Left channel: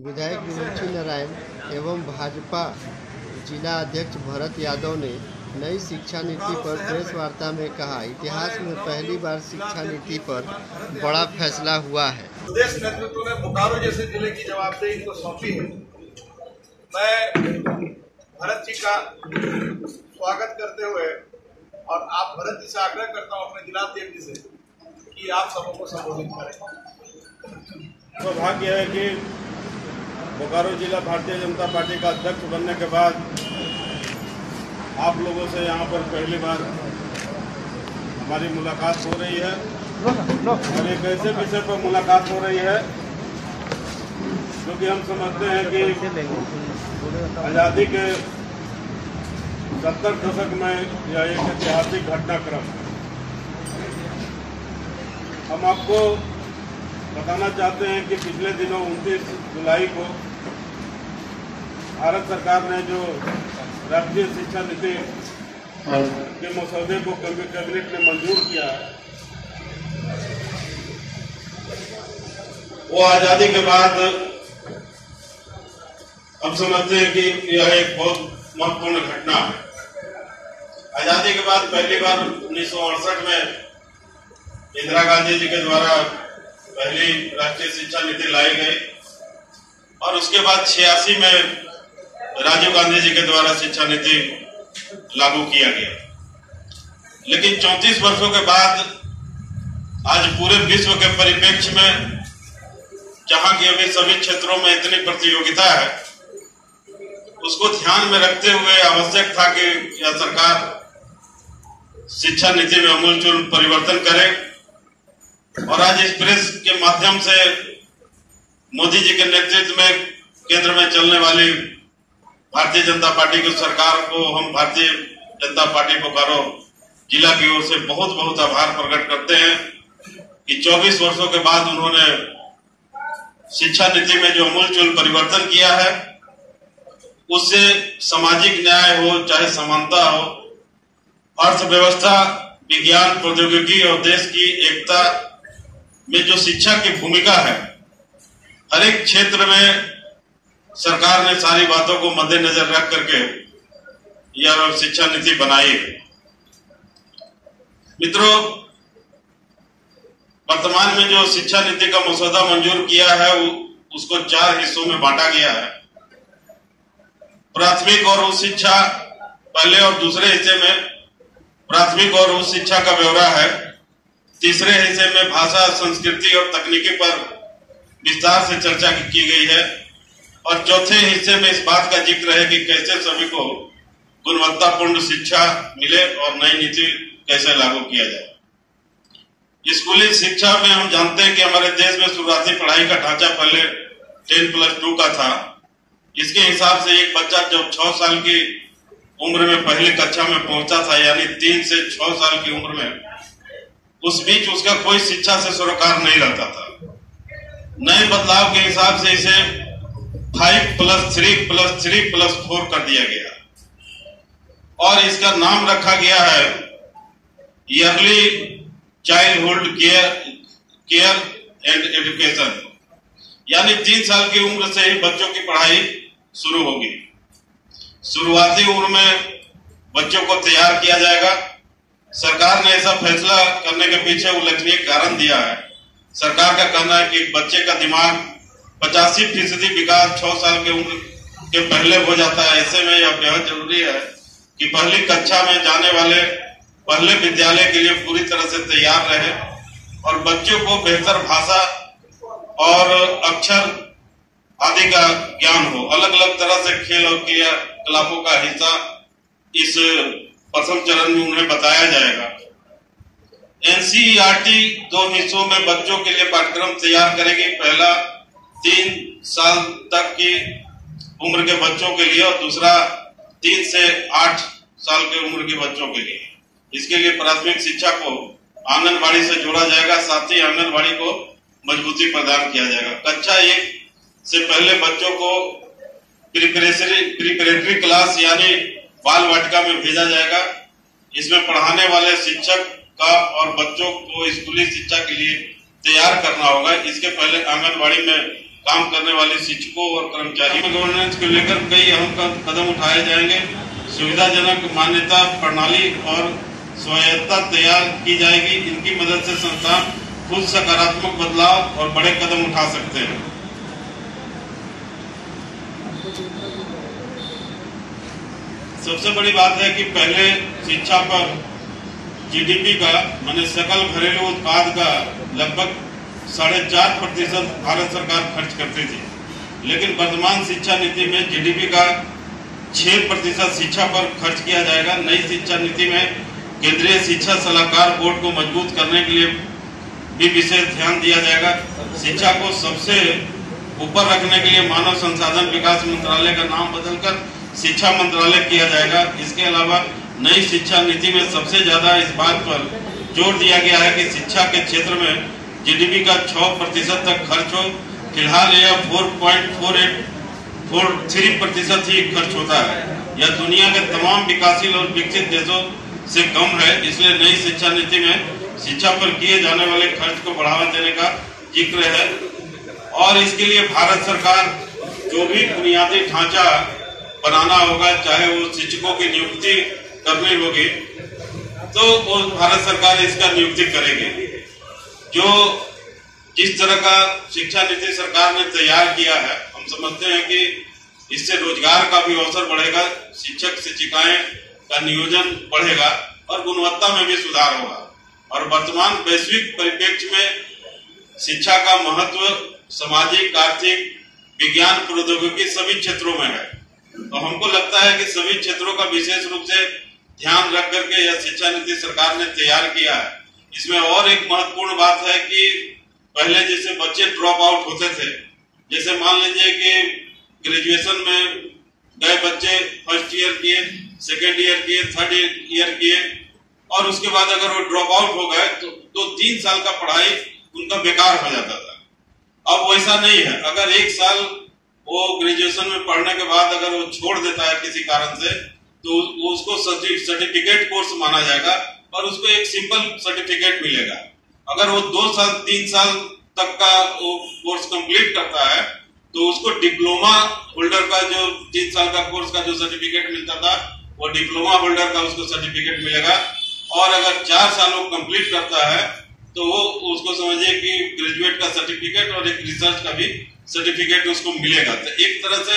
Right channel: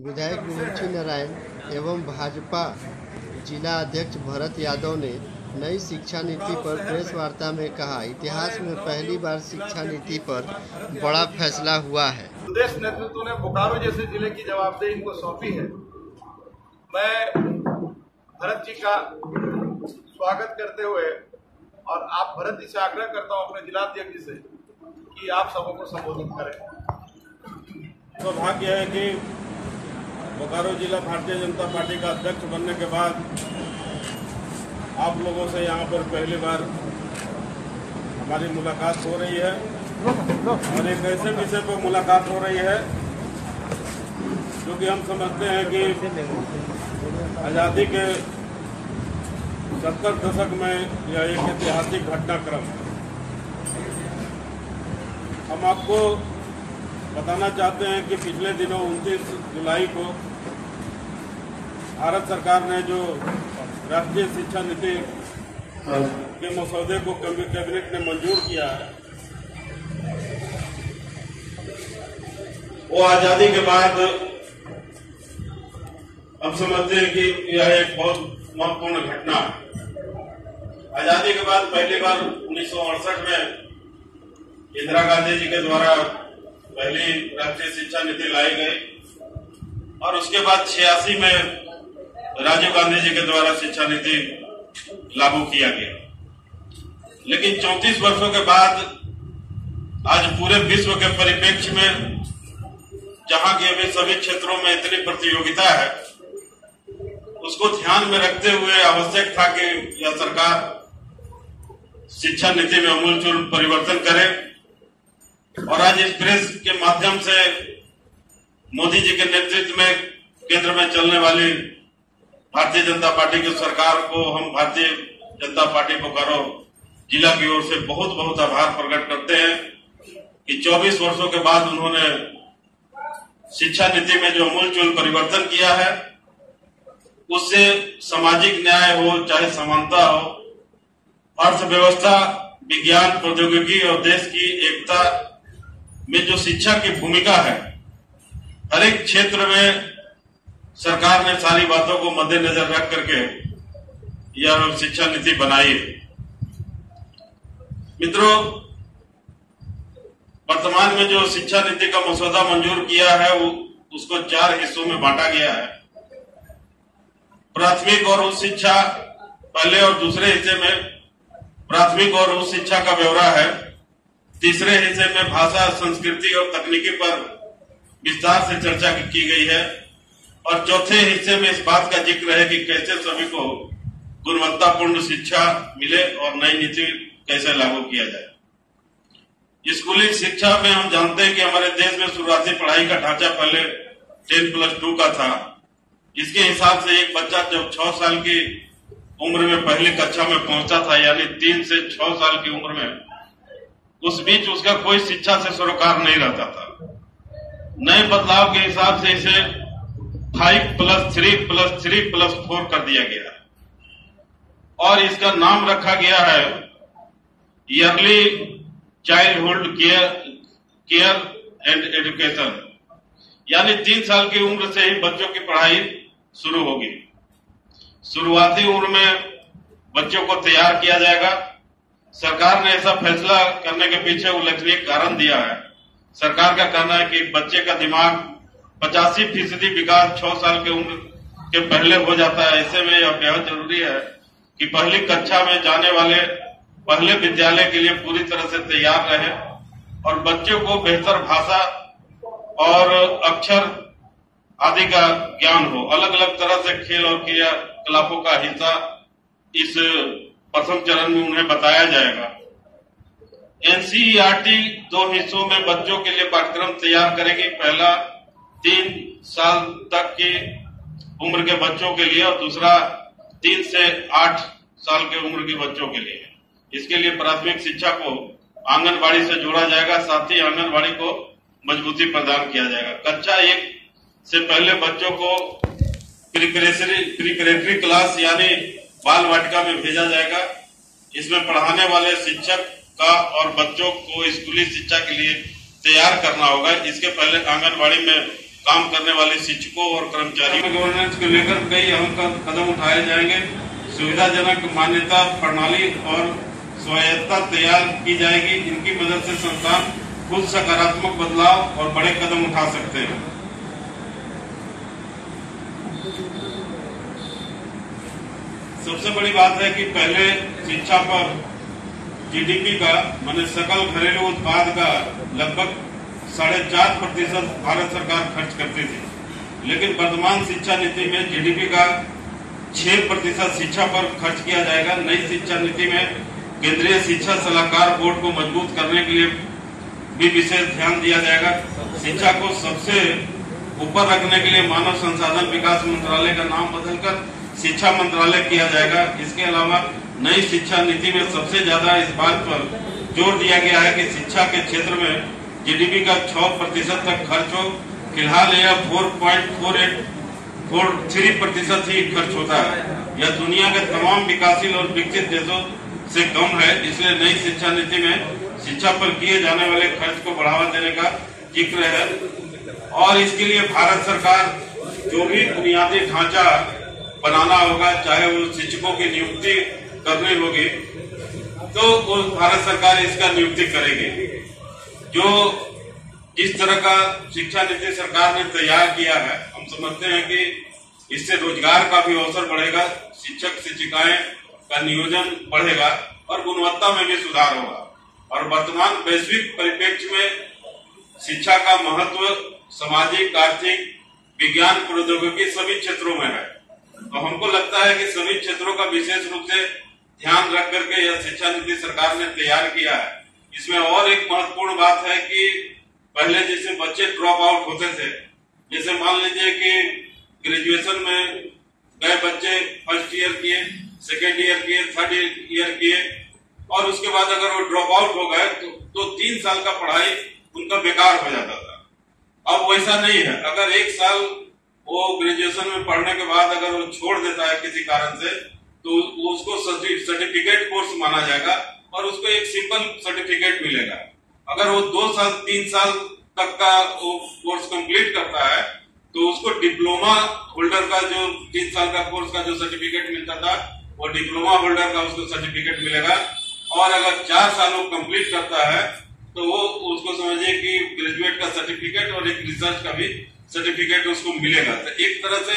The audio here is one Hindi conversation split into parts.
विधायक मीनाक्षी नारायण एवं भाजपा जिला अध्यक्ष भरत यादव ने नई शिक्षा नीति पर प्रेस वार्ता में कहा, इतिहास में पहली बार शिक्षा नीति पर बड़ा फैसला हुआ है। प्रदेश नेतृत्व ने बोकारो जैसे जिले की जवाबदेही इनको सौंपी है। मैं भरत जी का स्वागत करते हुए और आप भरत जी से आग्रह करता हूं अपने जिलाध्यक्ष जी से कि आप सबों को संबोधित करें। सौभाग्य है कि बोकारो जिला भारतीय जनता पार्टी का अध्यक्ष बनने के बाद आप लोगों से यहाँ पर पहली बार हमारी मुलाकात हो रही है और एक ऐसे विषय पर मुलाकात हो रही है क्योंकि हम समझते हैं कि आज़ादी के 70 दशक में यह एक ऐतिहासिक घटनाक्रम है। हम आपको बताना चाहते हैं कि पिछले दिनों 29 जुलाई को भारत सरकार ने जो राष्ट्रीय शिक्षा नीति के मसौदे को कैबिनेट ने मंजूर किया है, वो आजादी के बाद हम समझते हैं कि यह एक बहुत महत्वपूर्ण घटना है। आजादी के बाद पहली बार 1968 में इंदिरा गांधी जी के द्वारा पहली राष्ट्रीय शिक्षा नीति लाई गई और उसके बाद 86 में राजीव गांधी जी के द्वारा शिक्षा नीति लागू किया गया। लेकिन 34 वर्षों के बाद आज पूरे विश्व के परिप्रेक्ष्य में जहां की अभी सभी क्षेत्रों में इतनी प्रतियोगिता है, उसको ध्यान में रखते हुए आवश्यक था कि यह सरकार शिक्षा नीति में आमूलचूल परिवर्तन करे और आज इस प्रेस के माध्यम से मोदी जी के नेतृत्व में केंद्र में चलने वाली भारतीय जनता पार्टी की सरकार को हम भारतीय जनता पार्टी बोकारो जिला की ओर से बहुत बहुत आभार प्रकट करते हैं कि 24 वर्षों के बाद उन्होंने शिक्षा नीति में जो आमूलचूल परिवर्तन किया है, उससे सामाजिक न्याय हो चाहे समानता हो, अर्थव्यवस्था, विज्ञान, प्रौद्योगिकी और देश की एकता में जो शिक्षा की भूमिका है, हर एक क्षेत्र में सरकार ने सारी बातों को मद्देनजर रख करके यह शिक्षा नीति बनाई है। मित्रों, वर्तमान में जो शिक्षा नीति का मसौदा मंजूर किया है उसको 4 हिस्सों में बांटा गया है। प्राथमिक और उच्च शिक्षा पहले और दूसरे हिस्से में प्राथमिक और उच्च शिक्षा का ब्यौरा है। तीसरे हिस्से में भाषा, संस्कृति और तकनीकी पर विस्तार से चर्चा की गई है और चौथे हिस्से में इस बात का जिक्र है कि कैसे सभी को गुणवत्तापूर्ण शिक्षा मिले और नई नीति कैसे लागू किया जाए। स्कूली शिक्षा में हम जानते हैं कि हमारे देश में शुरुआती पढ़ाई का ढांचा पहले 10+2 का था। इसके हिसाब से एक बच्चा जब 6 साल की उम्र में पहली कक्षा में पहुंचा था, यानी 3 से 6 साल की उम्र में, उस बीच उसका कोई शिक्षा से सरोकार नहीं रहता था। नए बदलाव के हिसाब से इसे 5+3+3+4 कर दिया गया और इसका नाम रखा गया है yearly childhood care and education, यानी 3 साल की उम्र से ही बच्चों की पढ़ाई शुरू होगी। शुरुआती उम्र में बच्चों को तैयार किया जाएगा। सरकार ने ऐसा फैसला करने के पीछे उल्लेखनीय कारण दिया है। सरकार का कहना है कि बच्चे का दिमाग 85% विकास 6 साल की उम्र के पहले हो जाता है। ऐसे में यह बेहद जरूरी है कि पहली कक्षा में जाने वाले पहले विद्यालय के लिए पूरी तरह से तैयार रहे और बच्चों को बेहतर भाषा और अक्षर आदि का ज्ञान हो। अलग अलग तरह से खेल और क्रियाकलापों का हिस्सा इस प्रथम चरण में उन्हें बताया जाएगा। एनसीईआरटी 2 हिस्सों में बच्चों के लिए पाठ्यक्रम तैयार करेगी। पहला 3 साल तक की उम्र के बच्चों के लिए और दूसरा 3 से 8 साल की उम्र के बच्चों के लिए। इसके लिए प्राथमिक शिक्षा को आंगनबाड़ी से जोड़ा जाएगा, साथ ही आंगनबाड़ी को मजबूती प्रदान किया जाएगा। कक्षा 1 से पहले बच्चों को प्रिपरेटरी क्लास यानी बाल वाटिका में भेजा जाएगा। इसमें पढ़ाने वाले शिक्षक का और बच्चों को स्कूली शिक्षा के लिए तैयार करना होगा। इसके पहले आंगनबाड़ी में काम करने वाले शिक्षकों और कर्मचारियों में गवर्नेंस को लेकर कई अहम कदम उठाए जाएंगे। सुविधाजनक मान्यता प्रणाली और स्वायत्तता तैयार की जाएगी। इनकी मदद से संस्थान खुद सकारात्मक बदलाव और बड़े कदम उठा सकते हैं। सबसे बड़ी बात है कि पहले शिक्षा पर जीडीपी का माने सकल घरेलू उत्पाद का लगभग 4.5% भारत सरकार खर्च करती थी, लेकिन वर्तमान शिक्षा नीति में जीडीपी का 6% शिक्षा पर खर्च किया जाएगा। नई शिक्षा नीति में केंद्रीय शिक्षा सलाहकार बोर्ड को मजबूत करने के लिए भी विशेष ध्यान दिया जाएगा। शिक्षा को सबसे ऊपर रखने के लिए मानव संसाधन विकास मंत्रालय का नाम बदलकर शिक्षा मंत्रालय किया जाएगा। इसके अलावा नई शिक्षा नीति में सबसे ज्यादा इस बात पर जोर दिया गया है कि शिक्षा के क्षेत्र में जीडीपी का 6% तक खर्च हो। फिलहाल यह 4.43% ही खर्च होता है। यह दुनिया के तमाम विकासशील और विकसित देशों से कम है। इसलिए नई शिक्षा नीति में शिक्षा पर किए जाने वाले खर्च को बढ़ावा देने का जिक्र है और इसके लिए भारत सरकार जो भी बुनियादी ढांचा बनाना होगा, चाहे वो शिक्षकों की नियुक्ति करनी होगी, तो वो भारत सरकार इसका नियुक्ति करेगी। जो जिस तरह का शिक्षा नीति सरकार ने तैयार किया है, हम समझते हैं कि इससे रोजगार का भी अवसर बढ़ेगा, शिक्षक शिक्षिकाएं का नियोजन बढ़ेगा और गुणवत्ता में भी सुधार होगा। और वर्तमान वैश्विक परिप्रेक्ष्य में शिक्षा का महत्व सामाजिक, आर्थिक, विज्ञान, प्रौद्योगिकी सभी क्षेत्रों में है। तो हमको लगता है कि सभी क्षेत्रों का विशेष रूप से ध्यान रख करके यह शिक्षा नीति सरकार ने तैयार किया है। इसमें और एक महत्वपूर्ण बात है कि पहले जैसे बच्चे ड्रॉप आउट होते थे, जैसे मान लीजिए कि ग्रेजुएशन में गए बच्चे फर्स्ट ईयर किए, सेकेंड ईयर किए, थर्ड ईयर किए और उसके बाद अगर वो ड्रॉप आउट हो गए तो 3 साल का पढ़ाई उनका बेकार हो जाता था। अब वैसा नहीं है। अगर 1 साल वो ग्रेजुएशन में पढ़ने के बाद अगर वो छोड़ देता है किसी कारण से, तो उसको सर्टिफिकेट कोर्स माना जाएगा और उसको एक सिंपल सर्टिफिकेट मिलेगा। अगर वो 2 साल 3 साल तक का वो कोर्स कंप्लीट करता है तो उसको डिप्लोमा होल्डर का जो 3 साल का कोर्स का जो सर्टिफिकेट मिलता था, वो डिप्लोमा होल्डर का उसको सर्टिफिकेट मिलेगा। और अगर 4 साल वो कंप्लीट करता है तो वो उसको समझिए कि ग्रेजुएट का सर्टिफिकेट और एक रिसर्च का भी सर्टिफिकेट उसको मिलेगा। तो एक तरह से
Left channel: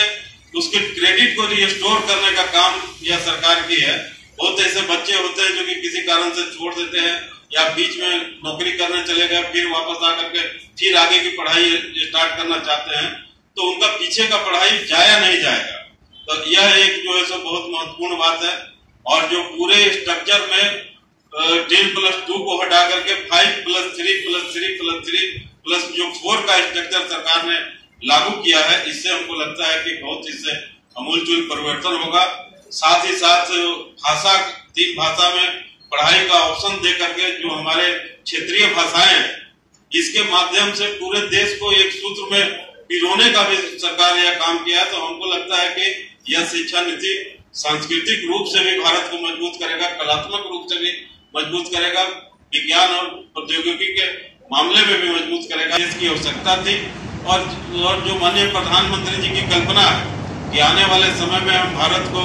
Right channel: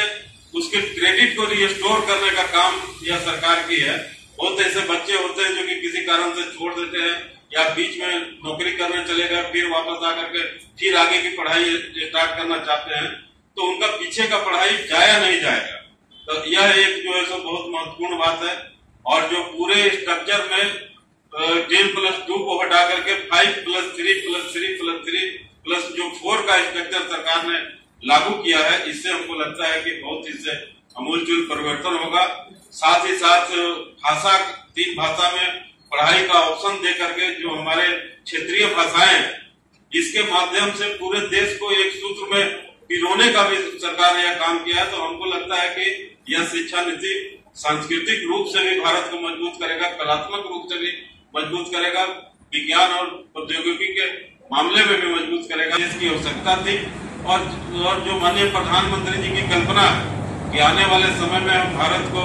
उसके क्रेडिट को रिस्टोर करने का काम यह सरकार की है। बहुत ऐसे बच्चे होते हैं जो कि किसी कारण से छोड़ देते हैं या बीच में नौकरी करने चले गए, फिर वापस आकर के फिर आगे की पढ़ाई स्टार्ट करना चाहते हैं, तो उनका पीछे का पढ़ाई जाया नहीं जाएगा। तो यह एक जो है सो बहुत महत्वपूर्ण बात है। और जो पूरे स्ट्रक्चर में 10+2 को हटा करके 5+3+3+3+ जो 4 का स्ट्रक्चर सरकार ने लागू किया है, इससे हमको लगता है कि बहुत इससे अमूलचूल परिवर्तन होगा। साथ ही साथ भाषा 3 भाषा में पढ़ाई का ऑप्शन दे करके जो हमारे क्षेत्रीय भाषाएं हैं, इसके माध्यम से पूरे देश को एक सूत्र में पिरोने का भी सरकार ने यह काम किया है। तो हमको लगता है कि यह शिक्षा नीति सांस्कृतिक रूप से भी भारत को मजबूत करेगा, कलात्मक रूप से भी मजबूत करेगा, विज्ञान और प्रौद्योगिकी के मामले में भी मजबूत करेगा। इसकी आवश्यकता थी और जो माननीय प्रधानमंत्री जी की कल्पना है कि आने वाले समय में हम भारत को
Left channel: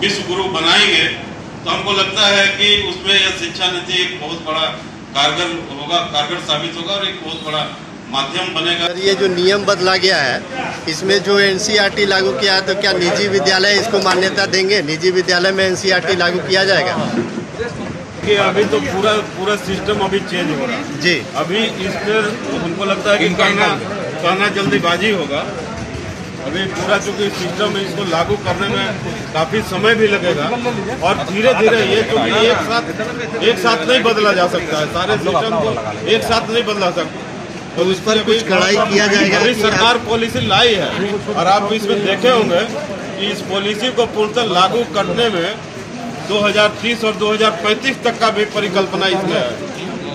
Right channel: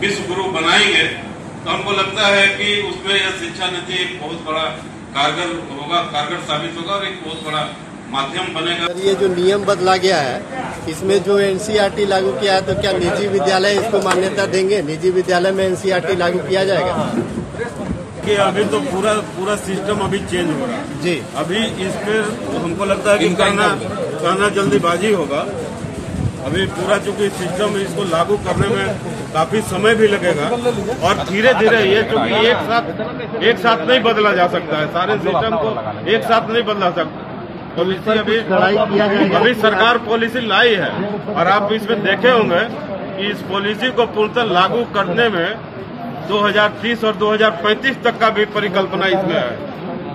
विश्व गुरु बनाएंगे, तो हमको लगता है कि उसमें यह शिक्षा नीति एक बहुत बड़ा कारगर साबित होगा और एक बहुत बड़ा माध्यम बनेगा। ये जो नियम बदला गया है, इसमें जो एनसीईआरटी लागू किया है, तो क्या निजी विद्यालय इसको मान्यता देंगे? निजी विद्यालय में एनसीईआरटी लागू किया जाएगा? कि अभी तो पूरा सिस्टम अभी चेंज हो रहा है जी। अभी इस पर हमको लगता है कि कहना जल्दीबाजी होगा। अभी पूरा चूंकि सिस्टम इसको लागू करने में काफी समय भी लगेगा और धीरे धीरे ये चूंकि एक साथ नहीं बदला जा सकता है, सारे सिस्टम को एक साथ नहीं बदला सकता। तो इस पर कुछ कड़ाई किया जाएगा। अभी सरकार पॉलिसी लाई है और आप इसमें देखे होंगे कि इस पॉलिसी को पूर्णतः लागू करने में 2030 और 2035 तक का भी परिकल्पना इसमें है,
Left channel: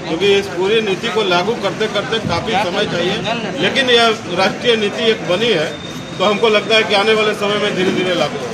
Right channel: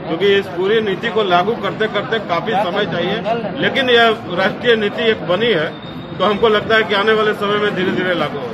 क्योंकि इस पूरी नीति को लागू करते करते काफी समय चाहिए। लेकिन यह राष्ट्रीय नीति एक बनी है, तो हमको लगता है कि आने वाले समय में धीरे धीरे लागू होगा।